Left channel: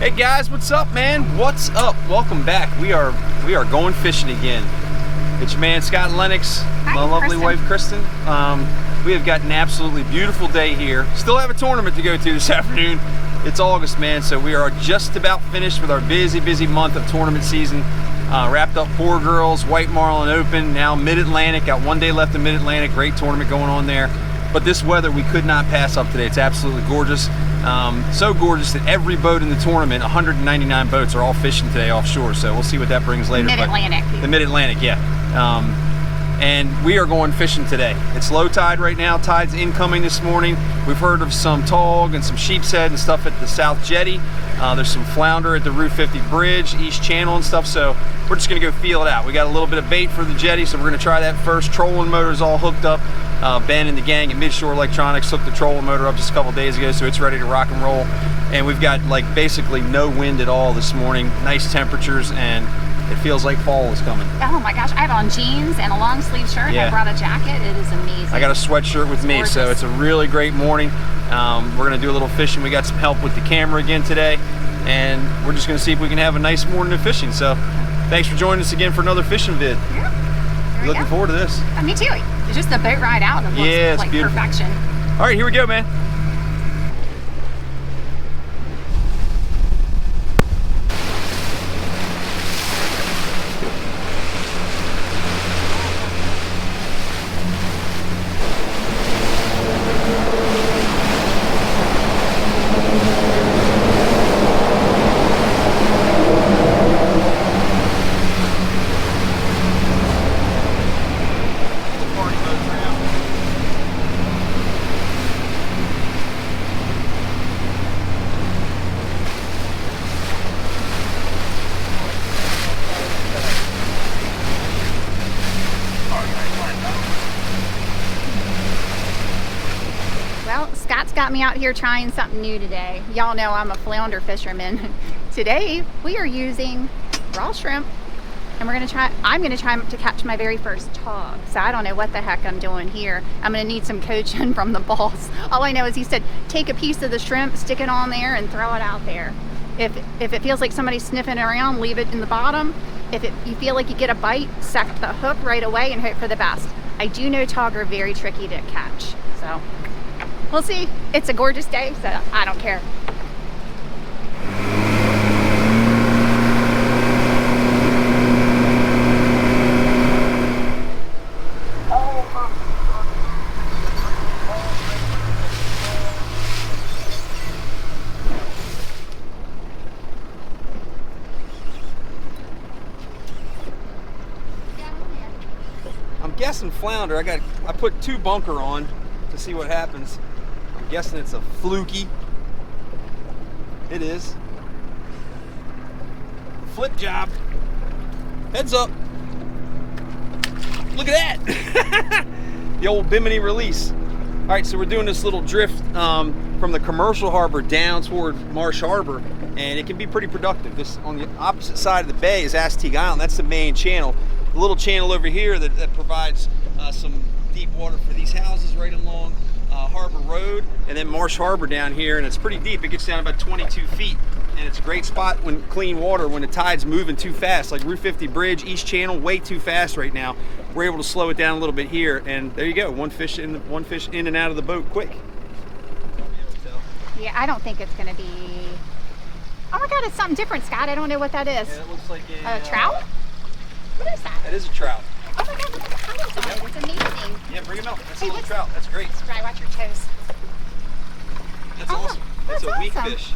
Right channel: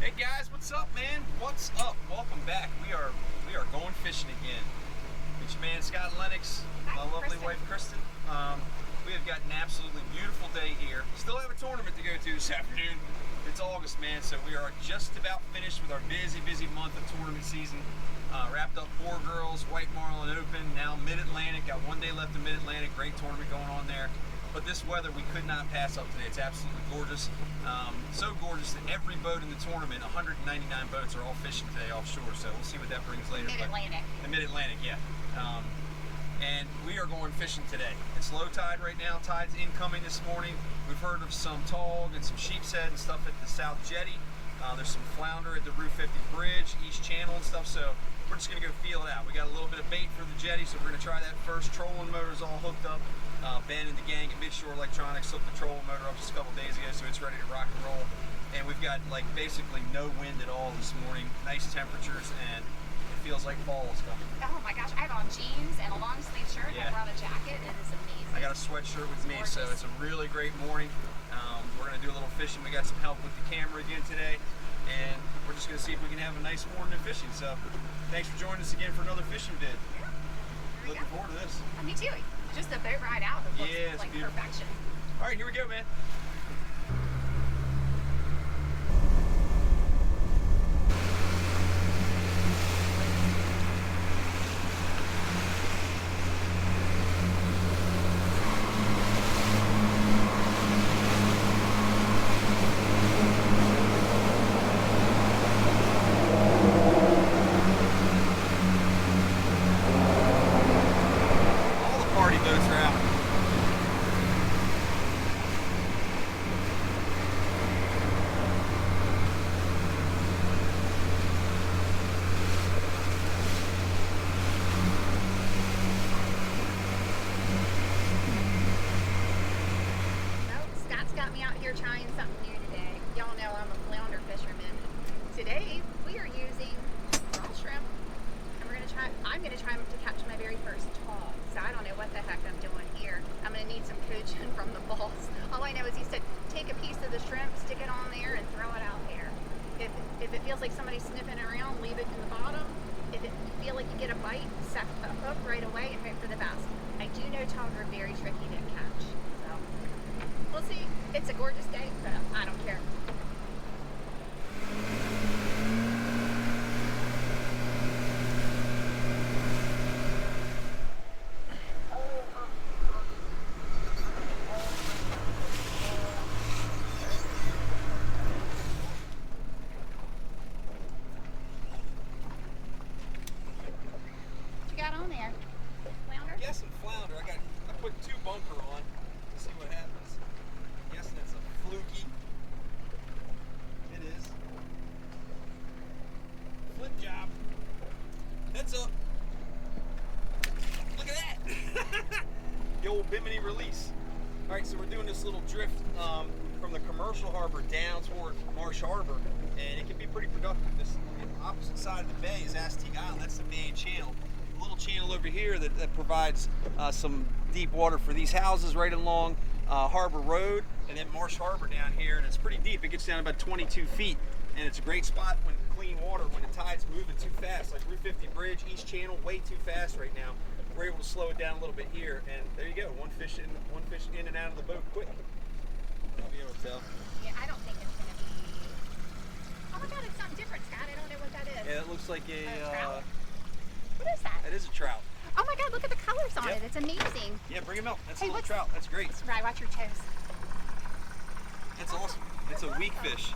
Hey guys, what's up, man? What's up? Welcome back. We are going fishing again. It's your man Scott and Lennox, Hi, my lovely Kristen. wife Kristen. We have got an absolutely beautiful day here. Still have a tournament to go to this afternoon. It's August, man, so we are just about finished with our busy month of tournament season. Wrapped up Poor Girls, White Marlin Open, now Mid-Atlantic. Got 1 day left in Mid-Atlantic. Great tournament going on there. But this weather we could not pass up today. It's absolutely gorgeous. So gorgeous that every boat in the tournament, 199 boats, are all fishing today offshore. So we'll see what that brings later. Mid-Atlantic. The Mid-Atlantic, yeah. And we are going fishing today. It's low tide right now. Tide's incoming this morning. We've heard of some tog and some sheepshead and stuff at the South Jetty. There's some flounder at the Route 50 Bridge, East Channel and stuff. So we're just gonna go feel it out. We got a little bit of bait for the jetty, so we're gonna try that first. Trolling motor's all hooked up. Ben and the gang at Midshore Electronics hooked the trolling motor up just a couple days ago, so it's ready to rock and roll. And we've got like basically no wind at all this morning. Nice temperatures, and it feels like fall is coming. Oh my gosh, I have on jeans and a long sleeve shirt. Yeah. I brought a jacket. It is amazing. I got a sweatshirt with me, gorgeous. so it's a really great morning. We're gonna do a little fishing. We got some help with the camera again today, and we're just gonna see if we can have a nice morning of fishing. So thanks for joining us again for another fishing vid. Yeah. There we Looking go. forward to this. Me too. It's just the boat ride out and it looks Yeah, it's like beautiful. perfection. All right, here we go, man. All the party boats are out. Well, Scott's got me out here trying something new today. Y'all know I'm a flounder fisherman. Today we are using raw shrimp, and I'm gonna try to catch my very first tog. So I don't know what the heck I'm doing here. I'm gonna need some coaching from the boss. All I know is he said take a piece of the shrimp, stick it on there, and throw it out there. If it feels like somebody's sniffing around, leave it in the bottom. If you feel like you get a bite, set the hook right away and hope for the best. I do know tog are very tricky to catch, so we'll see. It's a gorgeous day, so I don't care. I'm guessing flounder. I put 2 bunker on to see what happens. I'm guessing it's a fluky. It is. Flip job. Heads up. Look at that. The old bimini release. All right, so we're doing this little drift from the commercial harbor down toward Marsh Harbor, and it can be pretty productive. This on the opposite side of the bay is Astig Island. That's the main channel. The little channel over here that provides some deep water for these houses right along Harbor Road, and then Marsh Harbor down here, and it's pretty deep. It gets down about 22 feet, and it's a great spot when clean water, when the tide's moving too fast, like Route 50 Bridge, East Channel, way too fast right now. We're able to slow it down a little bit here, and there you go, one fish in and out of the boat quick. Yeah, I don't think it's gonna be. Oh my God, it's something different, Scott. I don't know what that is. Yeah, it looks like a Trout? What is that? It is a trout. Oh my God, look at the colors on it. It's amazing. Yeah, bring him out. That's Hey, a little trout. That's great. Right, watch your toes. That's Oh, awesome. That's that's a weak awesome. fish.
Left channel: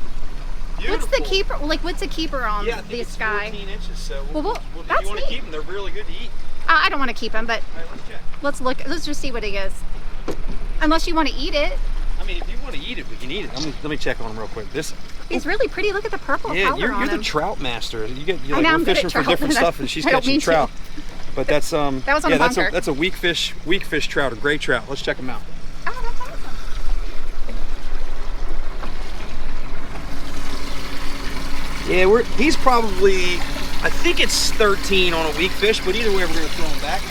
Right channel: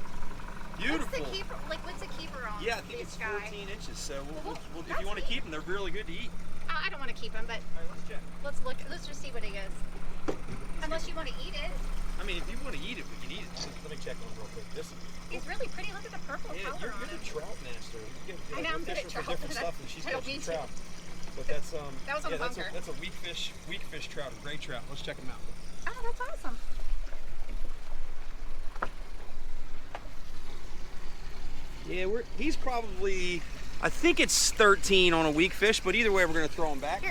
Beautiful. What's the keeper? Like, what's the keeper on Yeah, I think this it's guy? 14 inches. So Well, if that's you want to neat. keep them, they're really good to eat. I don't want to keep him, but All right, let's check. let's look. Let's just see what he is. Unless you want to eat it. I mean, if you want to eat it, we can eat it. Let me check on him real quick. He's really pretty. Look at the purple Yeah, color you're on the him. trout master. You're I know, we're I'm good at fishing for trout, different but stuff, and she's I don't catching mean to. trout. But that's That was on yeah, the bunker. that's a weak fish trout, a gray trout. Let's check him out. Oh, that's awesome. Yeah, he's probably, I think it's 13 on a weak fish, but either way, we're gonna throw him back.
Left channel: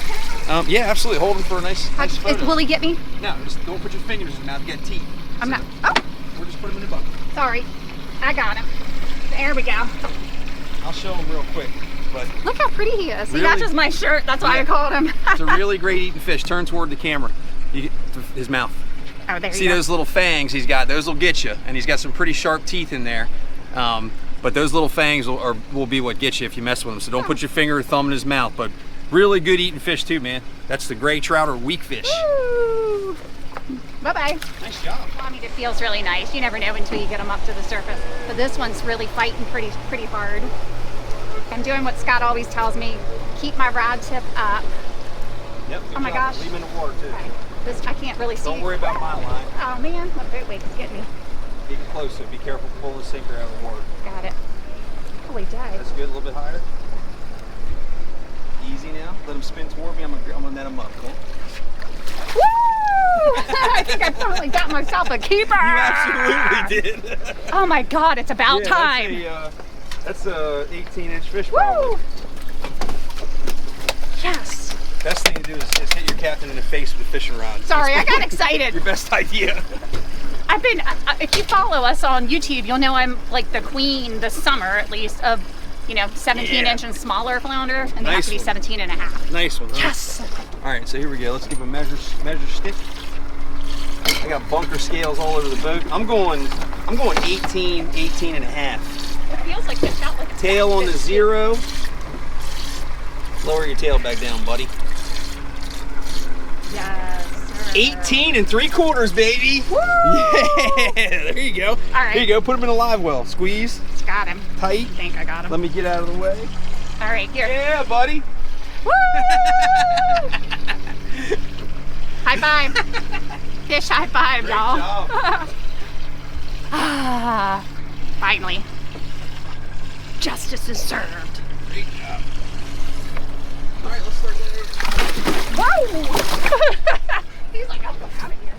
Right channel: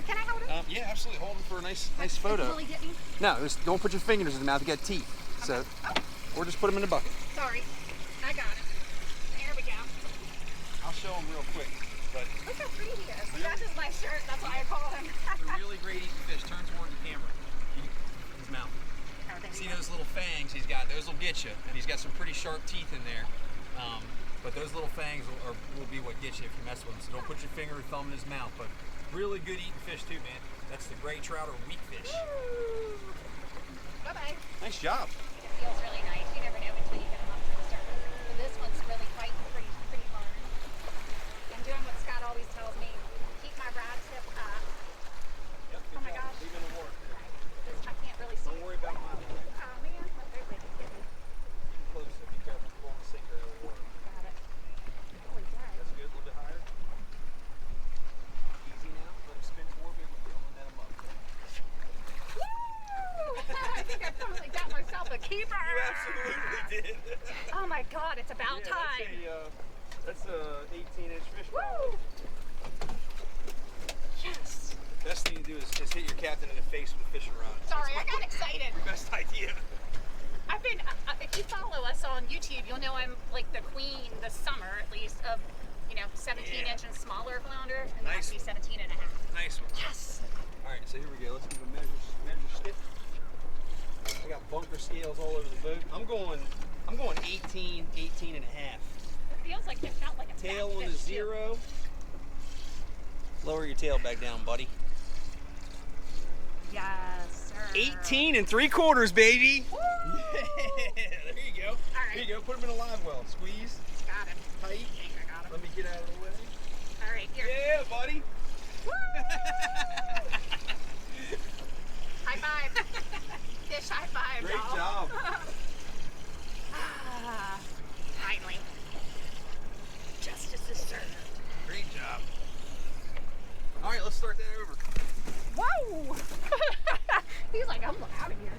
Yeah, absolutely. Hold him for a nice photo. Will he get me? No, just don't put your fingers in his mouth. You got teeth. I'm So, not. Oh, or just put him in the bucket. sorry. I got him. There we go. I'll show him real quick. But Look how pretty he is. He Really? matches my shirt. That's why I called him. it's a really great eating fish. Turn toward the camera. His mouth. Oh, there See you go. those little fangs he's got? Those will get you. And he's got some pretty sharp teeth in there. But those little fangs will be what gets you if you mess with them. So don't put your finger or thumb in his mouth. But really good eating fish too, man. That's the gray trout or weak fish. Woo! Bye-bye. Nice job. I mean, it feels really nice. You never know until you get them up to the surface. But this one's really fighting pretty hard. I'm doing what Scott always tells me, keep my rod tip up. Yep. Oh my gosh. Leave him in the water too. Okay. This, I can't really see. Don't worry about my line. Oh man, what a wait, it's getting me. Get closer. Be careful to pull the sinker out of the water. Got it. Holy dive. That's good. A little bit higher. Easy now. Let him spin toward me. I'm gonna net him up. Okay? Woo! I think I finally got myself a keeper. You absolutely did. Oh my God, it's about time. That's a 18-inch fish Woo! probably. Yes. Best thing to do is hit your captain in the face with a fishing rod. Sorry, I got excited. Your best idea. I've been, if you follow us on YouTube, you'll know I'm like the queen this summer at least of, 17-inch and smaller flounder, and they have to be 17 and a half. Nice one. Huh? Yes. All right, so here we go. Let's give a measure stick. I got bunker scales all over the boat. I'm going 18 and a half. It feels like it's got like a Tail on the 0. Lower your tail back down, buddy. Yes. Sir. 18 3/4, baby. Woo! Yeah, there you go. All right. Here you go. Put him in a live well. Squeeze Got him. tight. I think I got him. Let me get out of the way. All right, here. Yeah, buddy. Woo! High five. Fish high five, Great y'all. job. Ah, finally. Justice is served. Great job. All right, let's start getting Whoa! He's like, I'm out of here.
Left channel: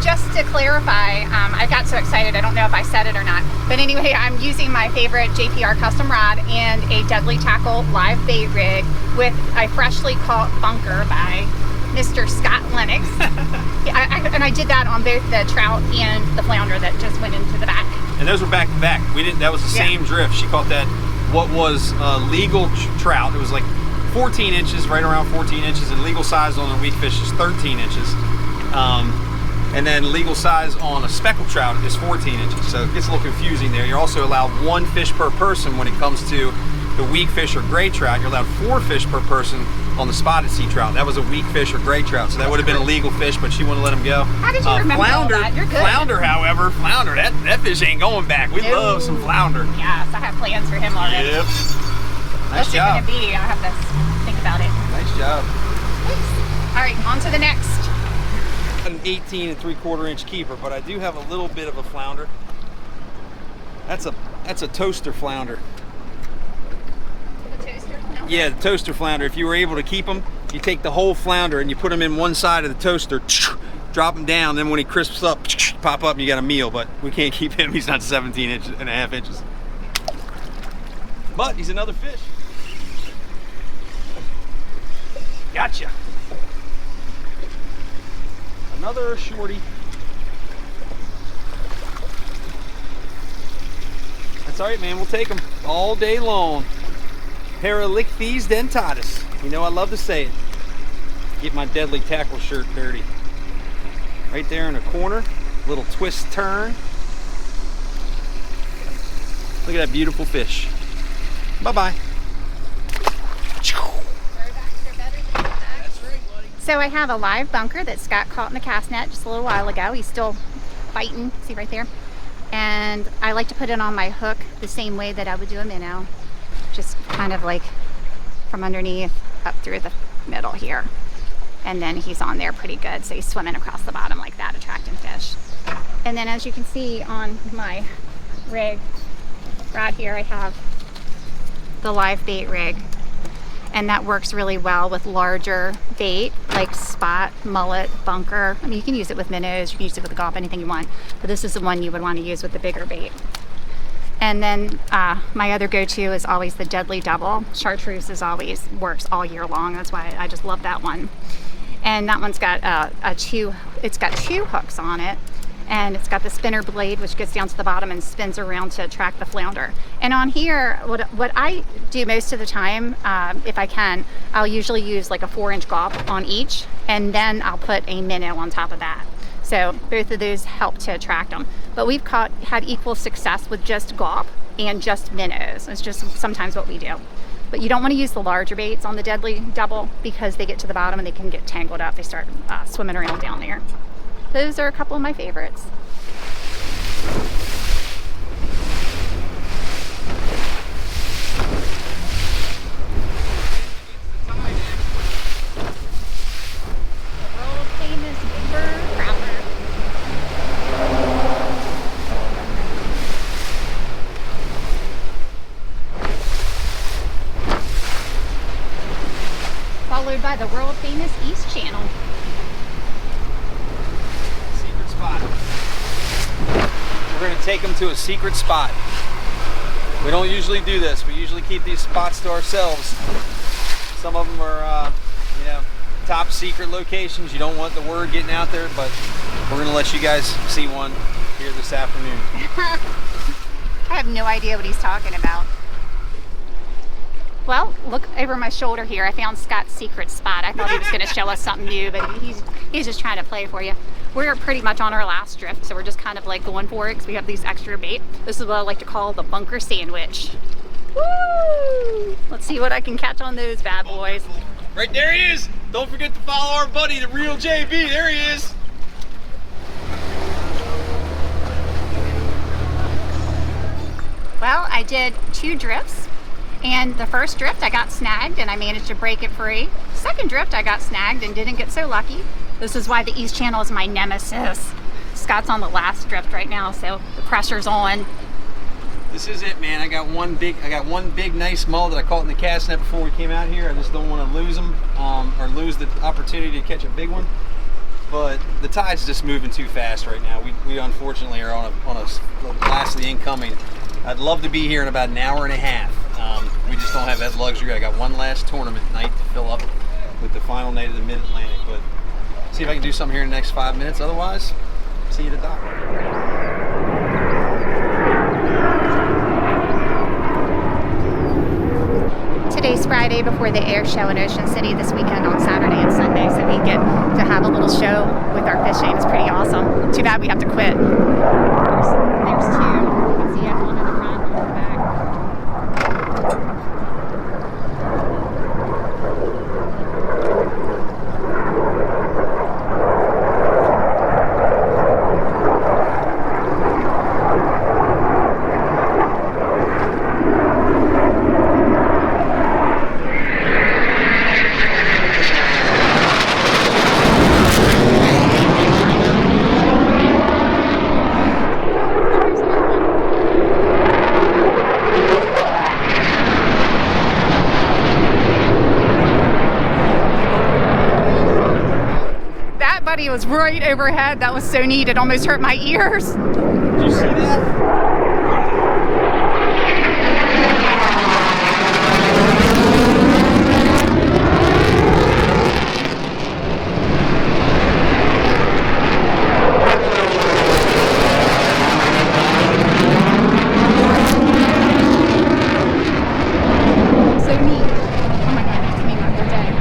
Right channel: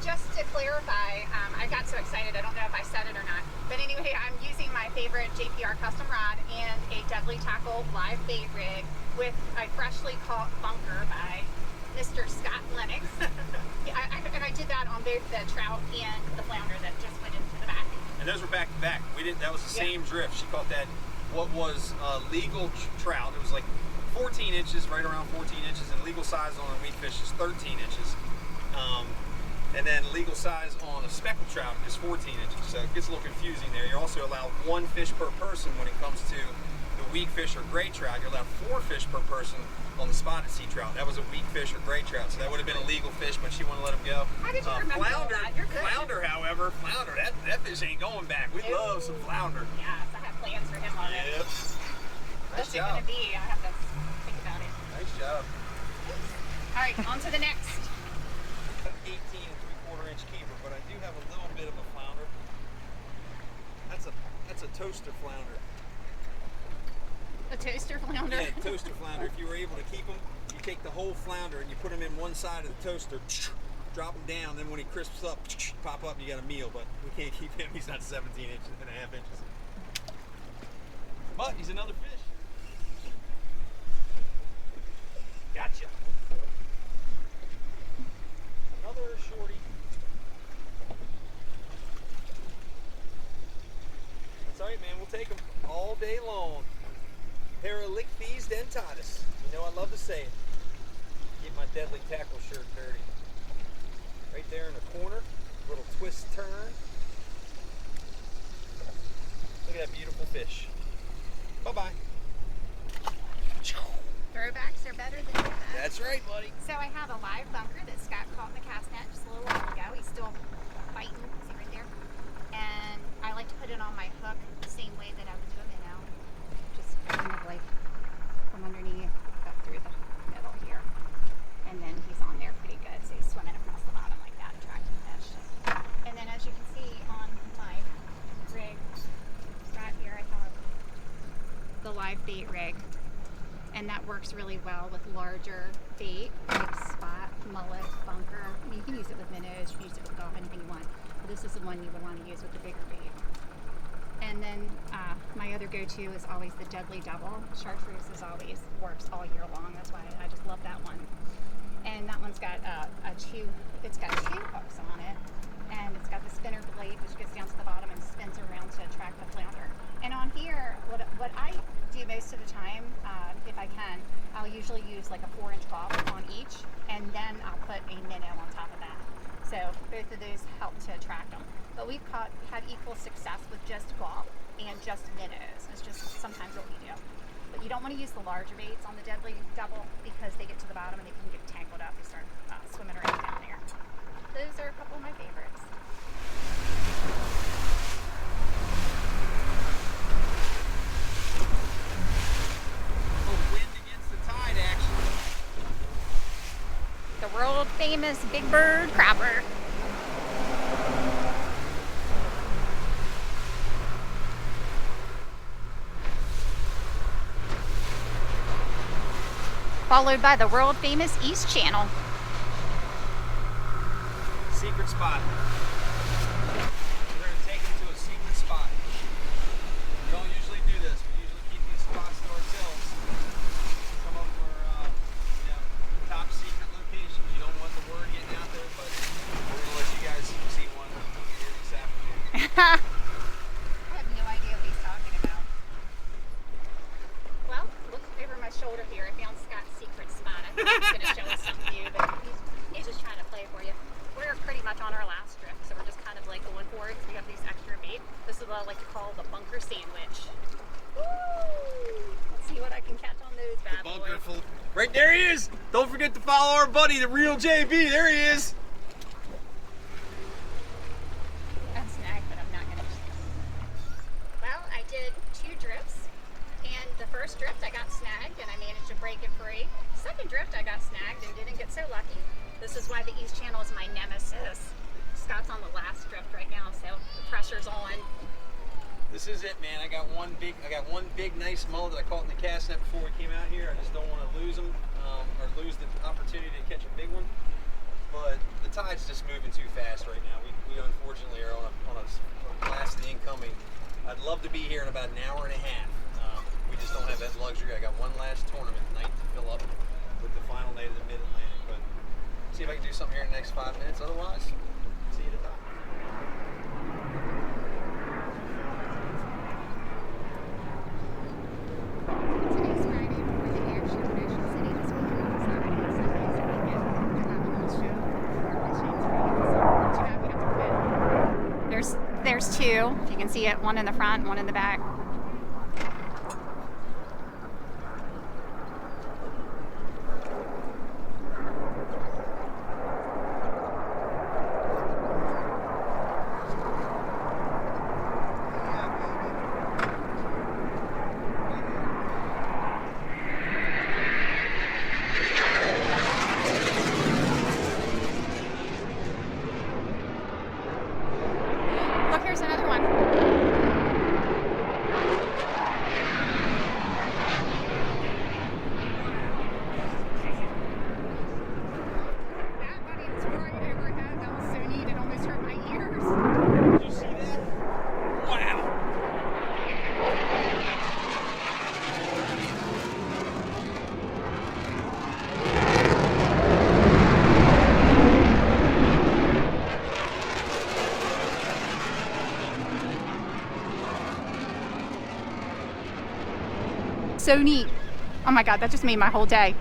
Just to clarify, I got so excited, I don't know if I said it or not. But anyway, I'm using my favorite JPR custom rod and a Deadly Tackle live bait rig with a freshly caught bunker by Mr. Scott Lennox. And I did that on both the trout and the flounder that just went into the back. And those were back to back. We didn't. That was the same drift. She caught that. What was legal trout? It was like 14 inches, right around 14 inches, and legal size on a weak fish is 13 inches. And then legal size on a speckled trout is 14 inches. So it gets a little confusing there. You're also allowed 1 fish per person when it comes to the weak fish or gray trout. You're allowed 4 fish per person on the spotted sea trout. That was a weak fish or gray trout, so that would have been a legal fish, but she wouldn't let him go. How did you remember all that? You're good. Flounder, however, that fish ain't going back. We love some flounder. Yes, I have plans for him already. Yep. Nice What's it job. gonna be? I have to think about it. Nice job. All right, on to the next. An 18 3/4 inch keeper, but I do have a little bit of a flounder. That's a toaster flounder. A toaster flounder? Yeah, the toaster flounder. If you were able to keep them, you take the whole flounder and you put them in one side of the toaster, drop him down, then when he crisps up, pop up and you got a meal, but we can't keep him. He's not 17 and a half inches. But he's another fish. Gotcha. Another shorty. That's all right, man. We'll take them all day long. Paralichthes dentatus. You know I love to say it. Get my Deadly Tackle shirt dirty. Right there in the corner. Little twist turn. Look at that beautiful fish. Bye-bye. Throwbacks are better than that. That's right, buddy. So I have a live bunker that Scott caught in the cast net just a little while ago. He's still fighting, see right there? And I like to put it on my hook the same way that I would do a minnow. Just kind of like from underneath up through the middle here. And then he's on there pretty good. So he's swimming across the bottom like that, attracting fish. And then as you can see on my rig right here, I have the live bait rig. And that works really well with larger bait like spot, mullet, bunker. I mean, you can use it with minnows, you can use it with the gulp, anything you want. But this is the one you would want to use with the bigger bait. And then my other go-to is always the Deadly Double. Chartreuse works all year long. That's why I just love that one. And that one's got it's got 2 hooks on it. and it's got the spinner blade which gets down to the bottom and spins around to attract the flounder. And on here, what I do most of the time, if I can, I'll usually use like a 4-inch gaup on each, and then I'll put a minnow on top of that. So both of those help to attract them. But we've had equal success with just gaup and just minnows. It's just sometimes what we do. But you don't want to use the larger baits on the deadly double because they get to the bottom and they can get tangled up. They start swimming around down there. Those are a couple of my favorites. The world famous Big Bird crapper. Followed by the world famous East Channel. Secret spot. We're going to take them to a secret spot. We don't usually do this. We usually keep these spots to ourselves. Some of them are, top secret locations. You don't want the word getting out there, but we're going to let you guys see one here this afternoon. I have no idea what he's talking about. Well, look over my shoulder here. I found Scott's secret spot. I thought he was going to show us something new, but he's just trying to play for you. We're pretty much on our last drift, so we're just kind of like going for it because we have these extra bait. This is what I like to call the bunker sandwich. Woo! Let's see what I can catch on those bad boys. Right there he is. Don't forget to follow our buddy, the real JB. There he is. Well, I did 2 drifts. And the first drift I got snagged and I managed to break it free. Second drift I got snagged and didn't get so lucky. This is why the East Channel is my nemesis. Scott's on the last drift right now, so the pressure's on. This is it, man. I got one big nice mullet that I caught in the cast net before we came out here. I just don't want to lose them or lose the opportunity to catch a big one. But the tide's just moving too fast right now. We unfortunately are on a last of the incoming. I'd love to be here in about an hour and a half. We just don't have that luxury. I got one last tournament night to fill up with the final night of the Mid-Atlantic. But see if I can do something here in the next 5 minutes. Otherwise, see you at the dock. Today's Friday before the air show in Ocean City this weekend on Saturday and Sunday, so we get to have a little show with our fishing. It's pretty awesome. Too bad we have to quit. There's 2. You can see it, one in the front, one in the back. He was right overhead. That was so neat. It almost hurt my ears. Did you see that? Wow. So neat. Oh my God, that just made my whole day.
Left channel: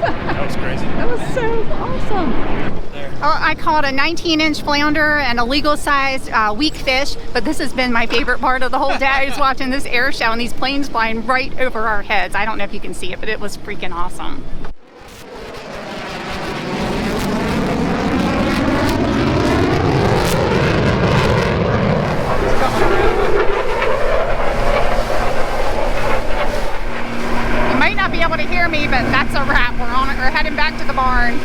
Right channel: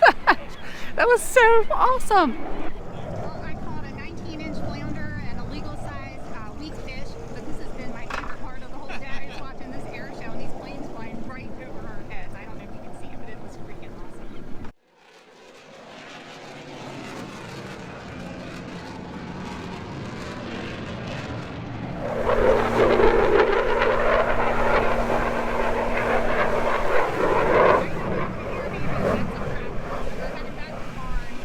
That was crazy. That was so awesome. I caught a 19-inch flounder and a legal size weak fish, but this has been my favorite part of the whole day is watching this air show and these planes flying right over our heads. I don't know if you can see it, but it was freaking awesome. You might not be able to hear me, but that's a wrap. We're heading back to the barn.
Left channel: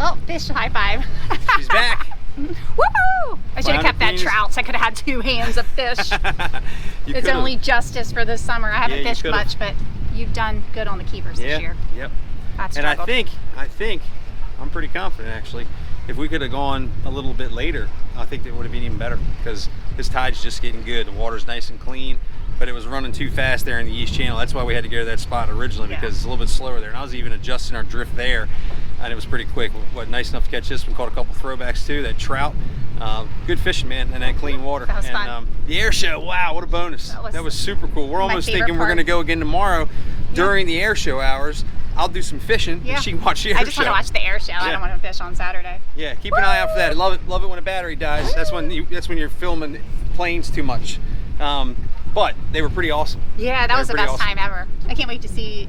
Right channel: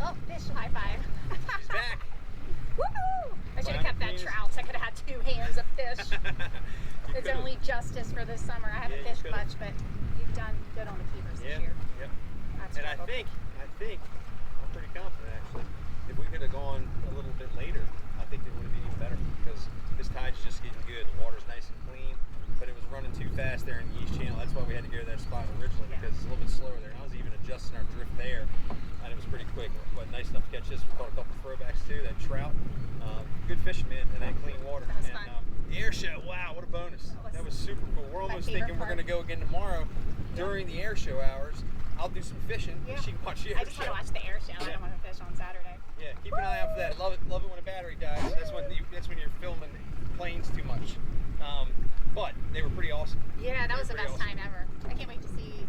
Oh, fish high five. She's back. Woohoo! I should have kept that trout so I could have had 2 hands of fish. It's only justice for this summer. I haven't fished much, but you've done good on the keepers this year. Yep. And I think, I'm pretty confident actually, if we could have gone a little bit later, I think it would have been even better because this tide's just getting good. The water's nice and clean. but it was running too fast there in the East Channel. That's why we had to go to that spot originally, because it's a little bit slower there. And I was even adjusting our drift there, and it was pretty quick. What nice enough to catch this. We caught a couple throwbacks too. That trout, good fishing, man, and that clean water. That was and fun. The air show, wow, what a bonus! That was super cool. We're almost favorite thinking we're part. going to go again tomorrow during the air show hours. I'll do some fishing. Yeah. And she can watch the air I just show. want to watch the air show. I don't want to fish on Saturday. Yeah, keep an eye out for that. Love it when a battery dies. That's when you're filming planes too much. But they were pretty awesome. Yeah, that was the best time ever. I can't wait to see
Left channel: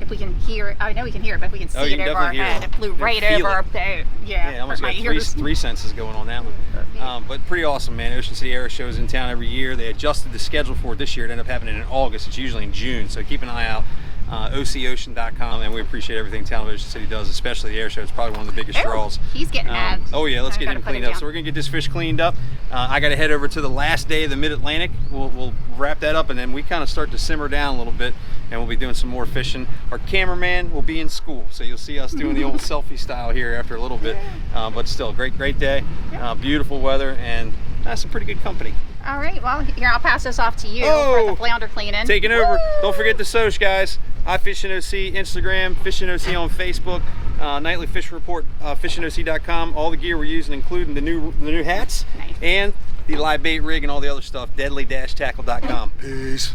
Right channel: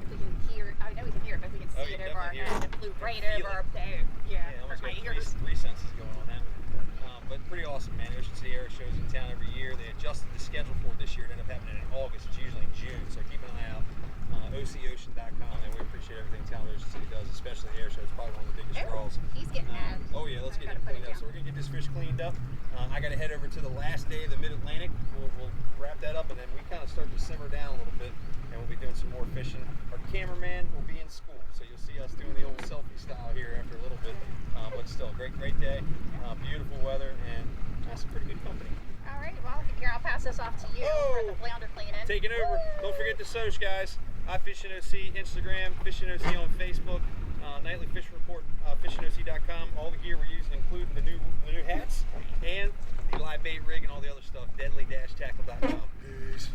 if we can hear it. I know we can hear it, but if we can see it over our head. It flew right over our boat. Yeah, almost got three senses going on that one. But pretty awesome, man. Ocean City Airshow is in town every year. They adjusted the schedule for it this year. It ended up happening in August. It's usually in June, so keep an eye out. OCOcean.com, and we appreciate everything Town of Ocean City does, especially the air show. It's probably one of the biggest draws. He's getting mad. Oh yeah, let's get him cleaned up. So we're gonna get this fish cleaned up. I got to head over to the last day of the Mid-Atlantic. We'll wrap that up, and then we kind of start to simmer down a little bit, and we'll be doing some more fishing. Our cameraman will be in school, so you'll see us doing the old selfie style here after a little bit. But still, great day, beautiful weather, and some pretty good company. All right, well, here, I'll pass this off to you for the flounder cleaning. Taking over. Don't forget the Soch, guys. iFishingOC, Instagram, FishingOC on Facebook, nightly fish report, fishingoc.com. All the gear we're using, including the new hats and the live bait rig and all the other stuff, deadly-tackle.com. Peace.